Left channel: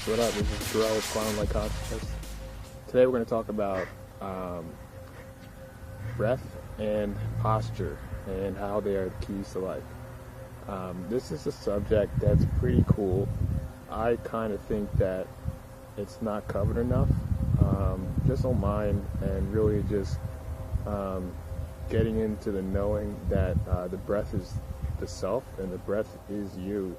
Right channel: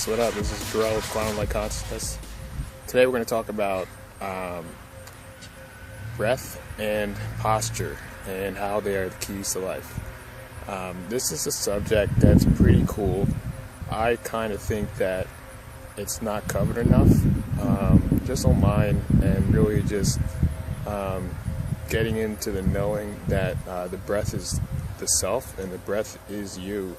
Peace, what up? This is Darrell with Quantum Light Consciousness. Today we're going to talk about breath and posture and how they are the keys to life. This is a subject that's pretty cool. I kind of think that it's not covered enough. Just on mine and really just getting into the knowing that the breath is the self and the breath is you.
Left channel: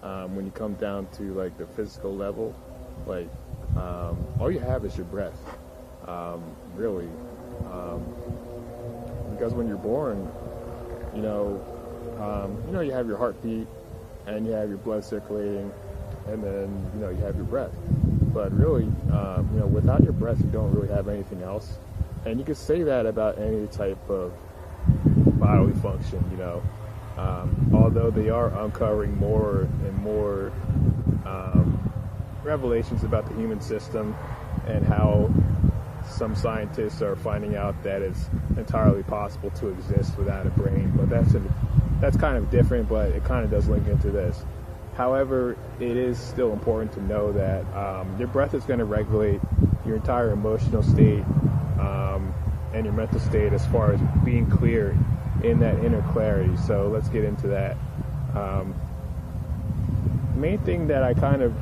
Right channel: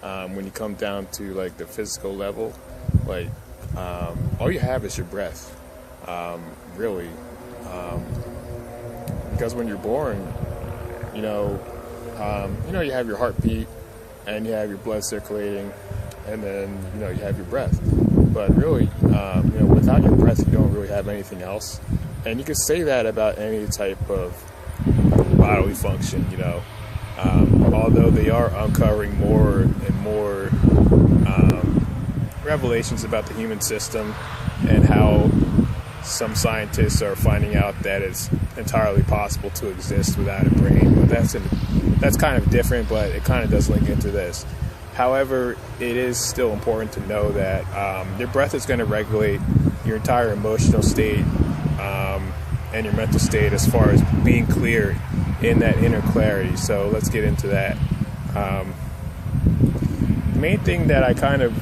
When you come down to like the physical level, like all you have is your breath, really, because when you're born, you have your heartbeat and you have your blood circulating, and then you have your breath. But really, without your breath, you don't really have anything else. And you could say that about any type of bodily function, although they are uncovering more and more revelations about the human system and how some scientists are finding out that it's entirely possible to exist without a brain. But that's kind of different, but it kind of does link into this. However, it is still important to know that your breath is going to regulate your entire emotional state and your mental state as far as being clear in that inner clarity. So let's get into that. The main thing that I kind of,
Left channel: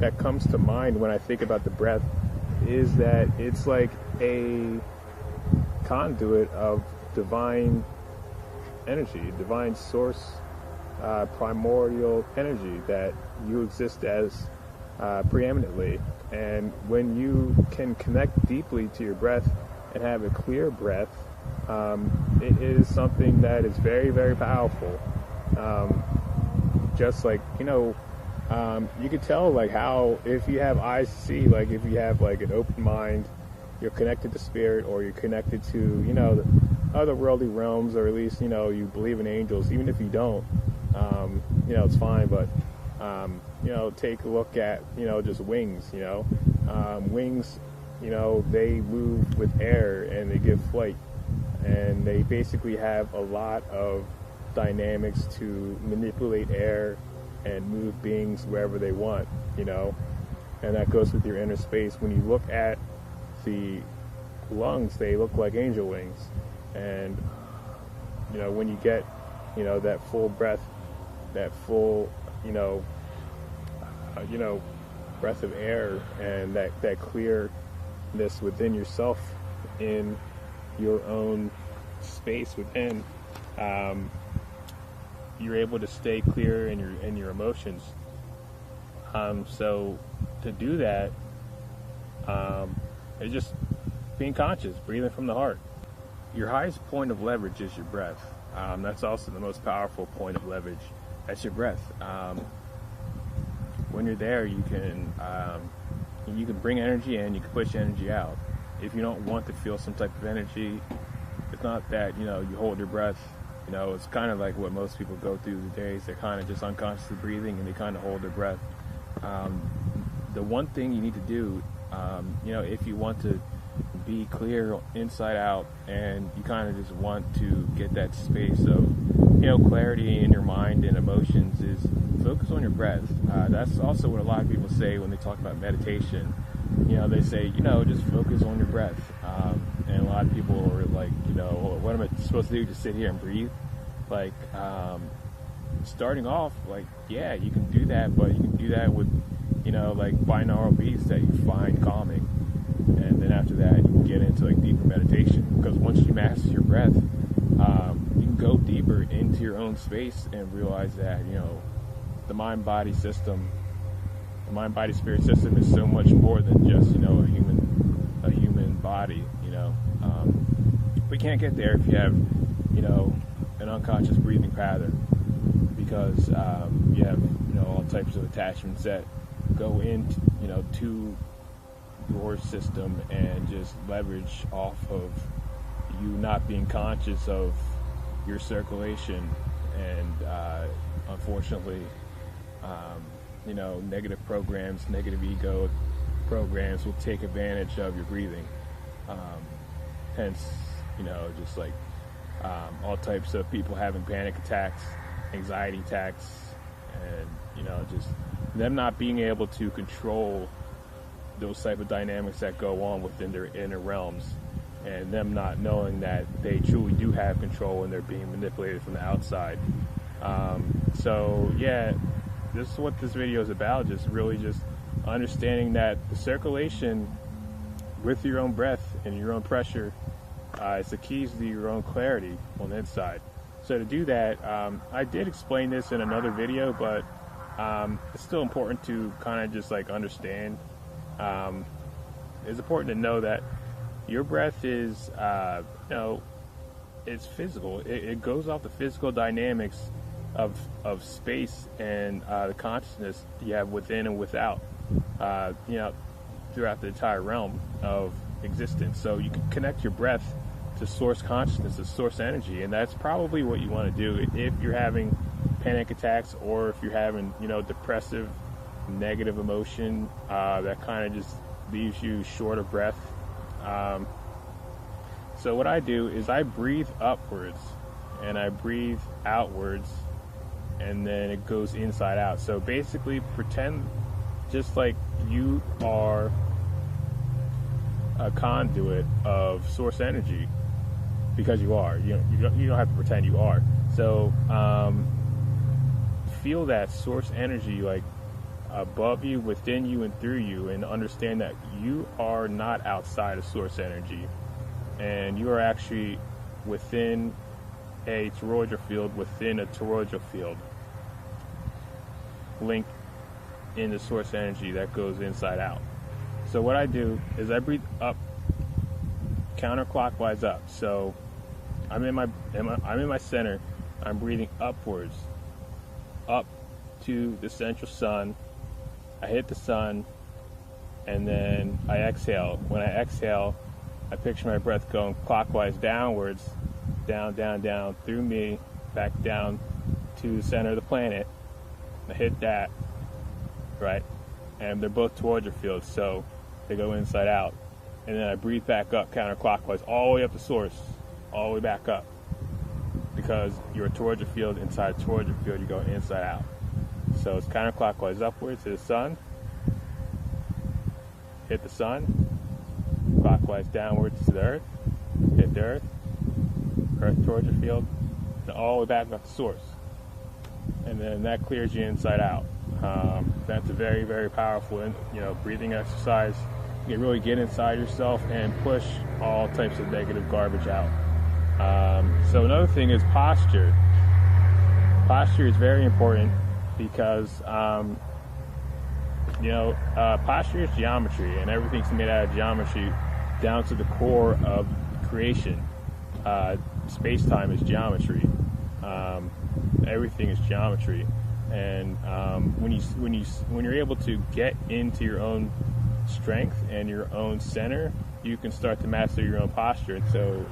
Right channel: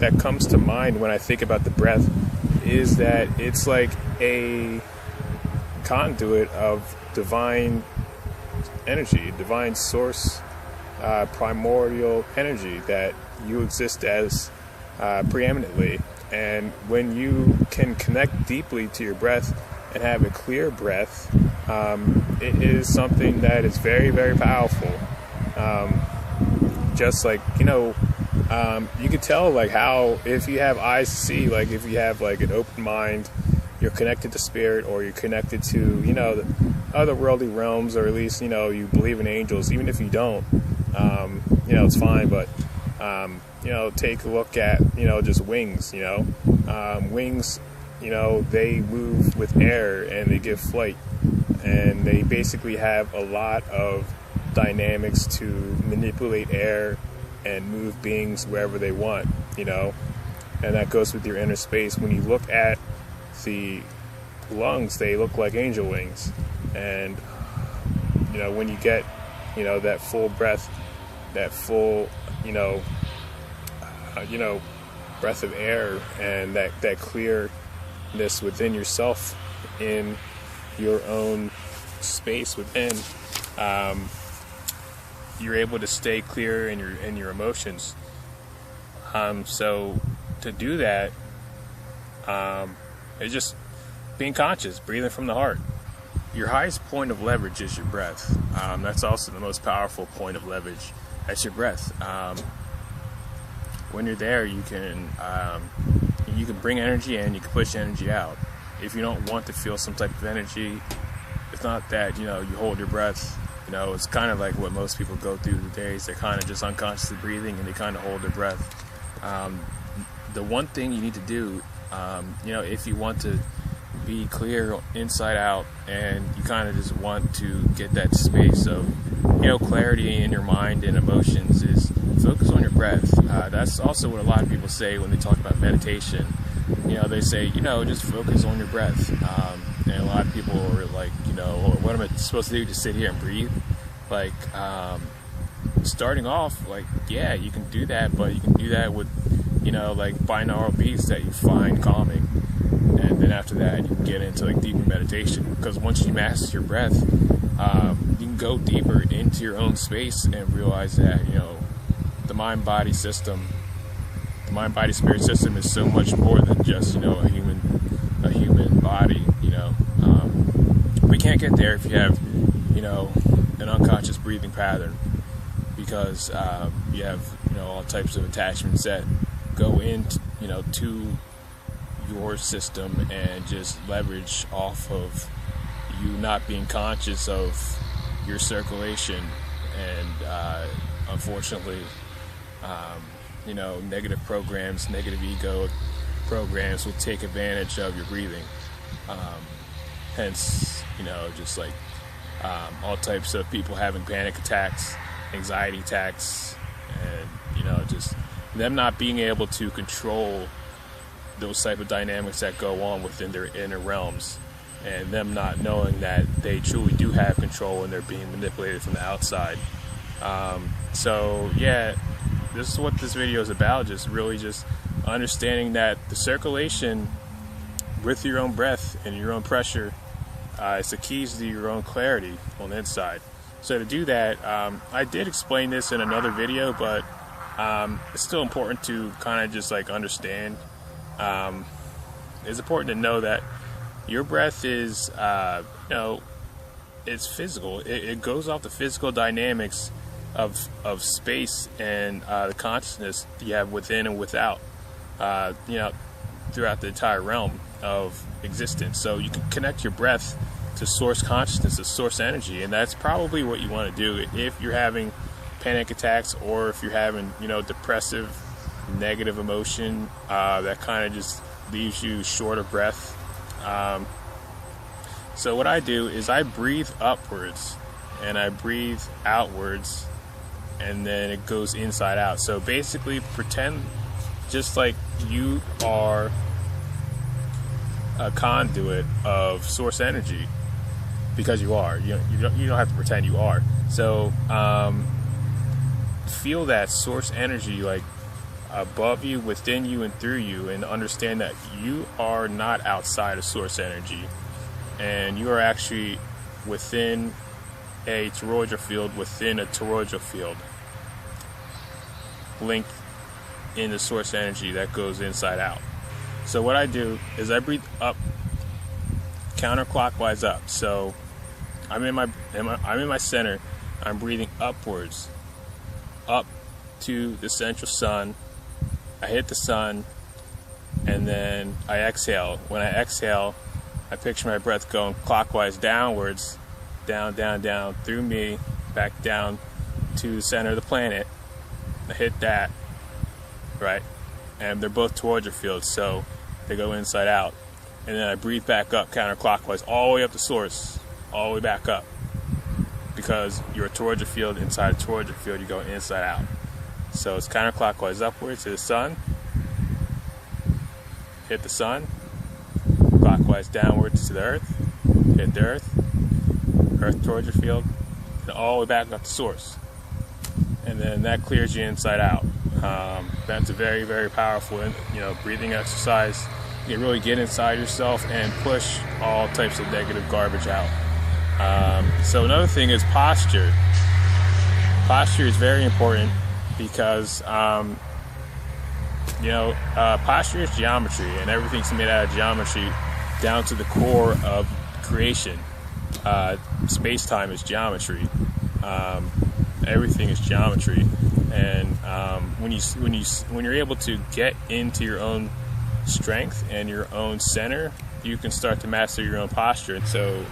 that comes to mind when I think about the breath is that it's like a conduit of divine energy, divine source, primordial energy that you exist as preeminently. And when you can connect deeply to your breath and have a clear breath, it is something that is very, very powerful. Just like, you could tell like how if you have eyes to see, like if you have like an open mind, you're connected to spirit, or you're connected to, the otherworldly realms, or at least, you believe in angels. Even if you don't, it's fine. But, take a look at, just wings, wings, they move with air and they give flight, and they basically have a lot of dynamics to manipulate air and move beings wherever they want, and that goes with your inner space. When you look at the lungs, they look like angel wings, and when you get that full breath, that full breath of air, and that clearness within yourself, in your own space within, you're able to stay clear in your emotions. So to do that, it's just being conscious, breathing from the heart. Your highest point of leverage is your breath. That's also the most powerful point of leverage. That's your breath. When you're there, you can bring energy in, you can push energy out. If you don't want to feel some type of energy, it's not that you hold your breath. It's kind of like what most people go through the days. They're kind of just unconsciously breathing and they kind of hold their breath. The one thing you need to do, if you want to be clear inside out, and you kind of just want to get that space of clarity in your mind and emotions, is focus on your breath. That's also what a lot of people say when they talk about meditation. They say, just focus on your breath. And a lot of people are like, what am I supposed to do? Just sit here and breathe? Like, starting off, like, yeah, you can do that, but you can do that with, like binaural beats that you find calming. And then after that, you can get into like deeper meditation, because once you master your breath, you can go deeper into your own space and realize that, the mind-body system, the mind-body-spirit system is so much more than just, a human body. We can't get there if you have, an unconscious breathing pattern, because you have, all types of attachments that go into, to your system, and just leverage off of you not being conscious of your circulation. And unfortunately, negative programs, negative ego programs will take advantage of your breathing. Hence, just like all types of people having panic attacks, anxiety attacks, and just them not being able to control those type of dynamics that go on within their inner realms, and them not knowing that they truly do have control and they're being manipulated from the outside. So yeah, this is what this video is about, just really just understanding that the circulation with your own breath and your own pressure is the keys to your own clarity on the inside. So to do that, I did explain this in another video, but it's still important to kind of just like understand. It's important to know that your breath is, it's physical. It goes off the physical dynamics of space and the consciousness you have within and without, throughout the entire realm of existence. So you can connect your breath to source consciousness, to source energy, and that's probably what you want to do if you're having panic attacks, or if you're having, depressive, negative emotion that kind of just leaves you short of breath. So what I do is I breathe upwards and I breathe outwards, and then it goes inside out. So basically pretend just like you are a conduit of source energy, because you are. You don't have to pretend you are. So feel that source energy like above you, within you, and through you, and understand that you are not outside of source energy, and you are actually within a toroidal field within a toroidal field, linked in the source energy that goes inside out. So what I do is I breathe up, counterclockwise up. So I'm in my center. I'm breathing upwards, up to the central sun. I hit the sun, and then I exhale. When I exhale, I picture my breath going clockwise downwards, down, down, down, through me, back down to the center of the planet. I hit that, right? And they're both toroidal fields, so they go inside out. And then I breathe back up counterclockwise, all the way up to source, all the way back up. Because you're a toroidal field, inside a toroidal field, you go inside out. So it's counterclockwise upwards to the sun, hit the sun, clockwise downwards to the earth, hit the earth toroidal field, and all the way back up to source. And then that clears you inside out. That's a very, very powerful, breathing exercise. You can really get inside yourself and push all types of negative garbage out. So another thing is posture. Posture is very important because, posture is geometry, and everything's made out of geometry down to the core of creation. Space-time is geometry. Everything is geometry, and when you're able to get into your own strength and your own center, you can start to master your own posture. And so,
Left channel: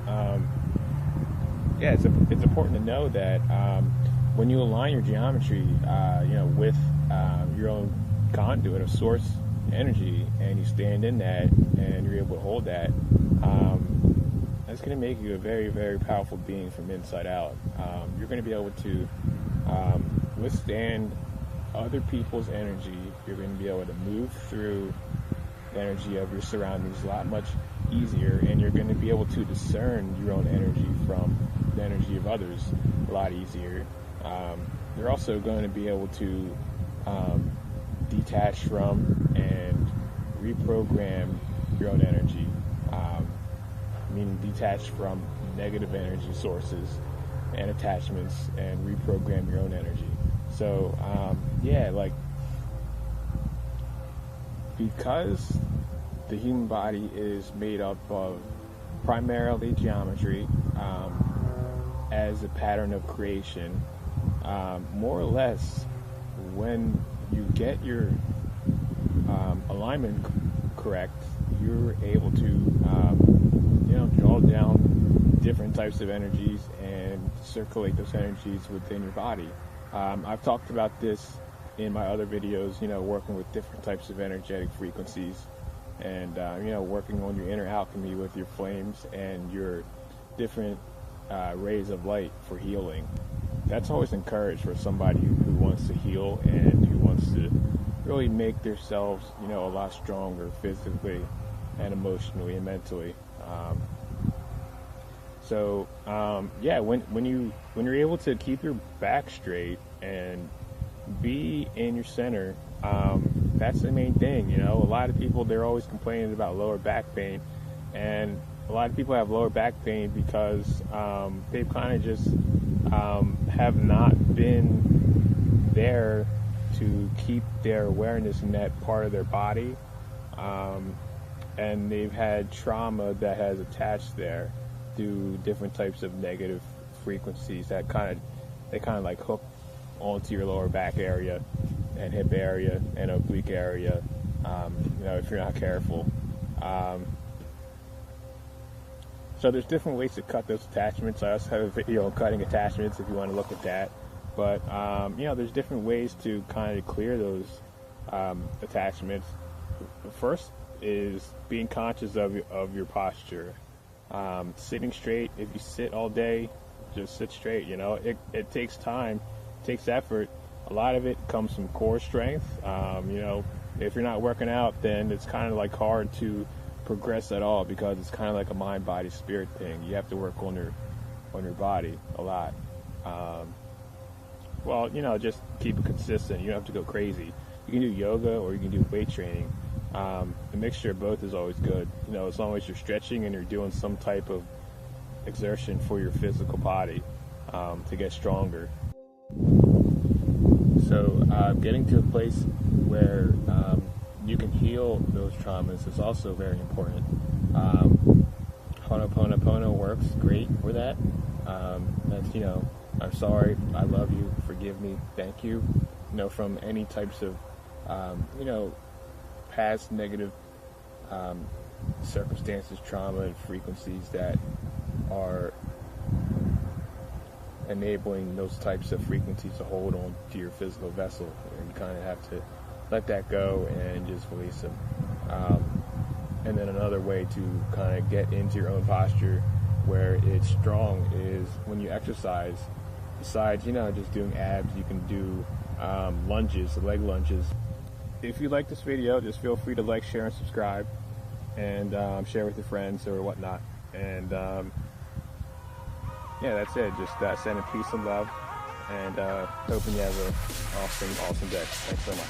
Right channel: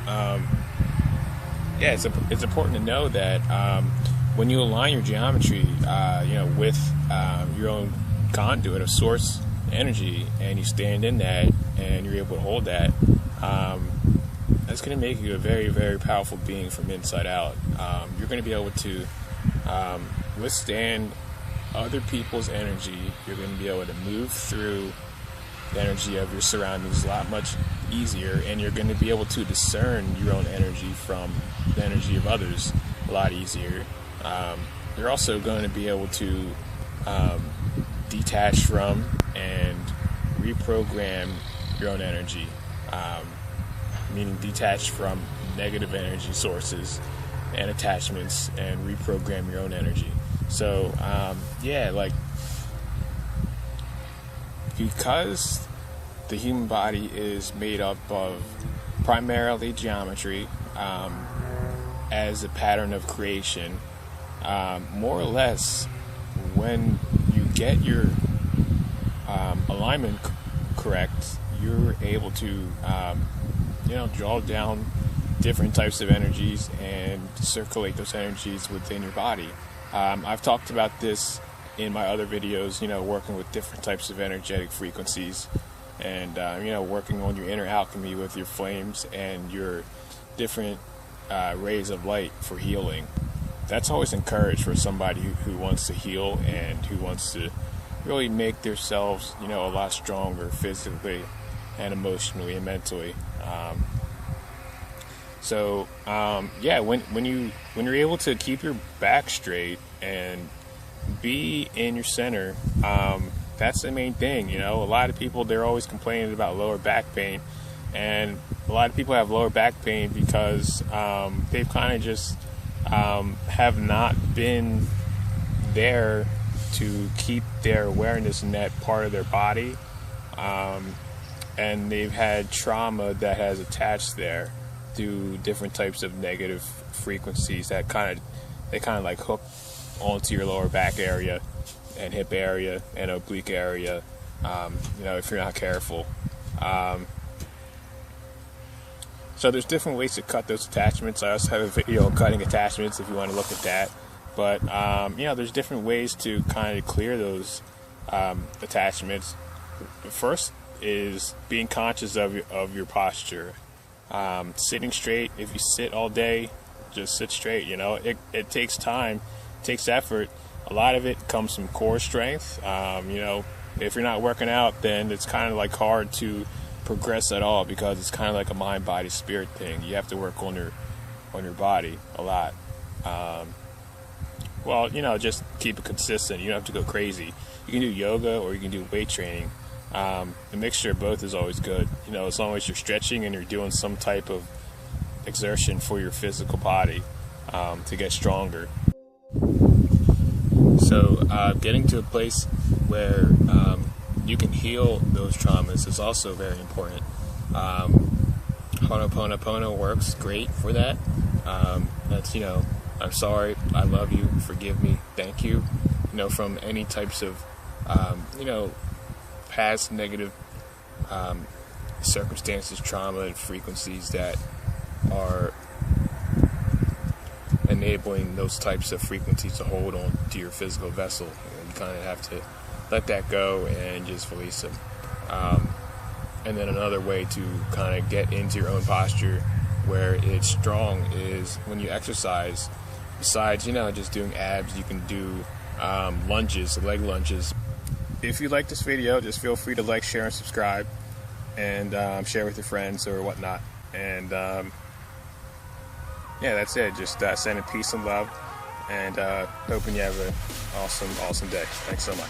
it's important to know that when you align your geometry, with your own conduit of source energy, and you stand in that, and you're able to hold that, that's going to make you a very, very powerful being from inside out. You're going to be able to withstand other people's energy. You're going to be able to move through the energy of your surroundings a lot much easier, and you're going to be able to discern your own energy from the energy of others a lot easier. You're also going to be able to detach from and reprogram your own energy, meaning detach from negative energy sources and attachments, and reprogram your own energy. So because the human body is made up of primarily geometry as a pattern of creation, more or less, when you get your alignment correct, you're able to draw down different types of energies and circulate those energies within your body. I've talked about this in my other videos, working with different types of energetic frequencies, and working on your inner alchemy with your flames and your different rays of light for healing. That's always encouraged for somebody who wants to heal and who wants to really make themselves, a lot stronger physically and emotionally and mentally. When you're able to keep your back straight and be in your center, that's the main thing. A lot of people, they're always complaining about lower back pain, and a lot of people have lower back pain because they've kind of just have not been there to keep their awareness in that part of their body, and they've had trauma that has attached there through different types of negative frequencies that kind of like hook onto your lower back area and hip area and oblique area, if you're not careful. So there's different ways to cut those attachments. I also have a video on cutting attachments if you want to look at that. But, there's different ways to kind of clear those attachments. First is being conscious of your posture. Sitting straight. If you sit all day, just sit straight. It takes time, it takes effort. A lot of it comes from core strength. If you're not working out, then it's kind of like hard to progress at all, because it's kind of like a mind, body, spirit thing. You have to work on your body a lot. Just keep it consistent. You don't have to go crazy. You can do yoga or you can do weight training. A mixture of both is always good. As long as you're stretching and you're doing some type of exertion for your physical body to get stronger. So getting to a place where you can heal those traumas is also very important. Ho'oponopono works great for that. That's, I'm sorry, I love you, forgive me, thank you. From any types of, past negative circumstances, trauma, and frequencies that are enabling those types of frequencies to hold on to your physical vessel. And you kind of have to let that go and just release them. And then another way to kind of get into your own posture where it's strong is when you exercise. Besides, just doing abs, you can do lunges, leg lunges. If you like this video, just feel free to like, share, and subscribe, and share with your friends or whatnot. And that's it. Just sending peace and love, and hoping you have an awesome day. Thanks so much.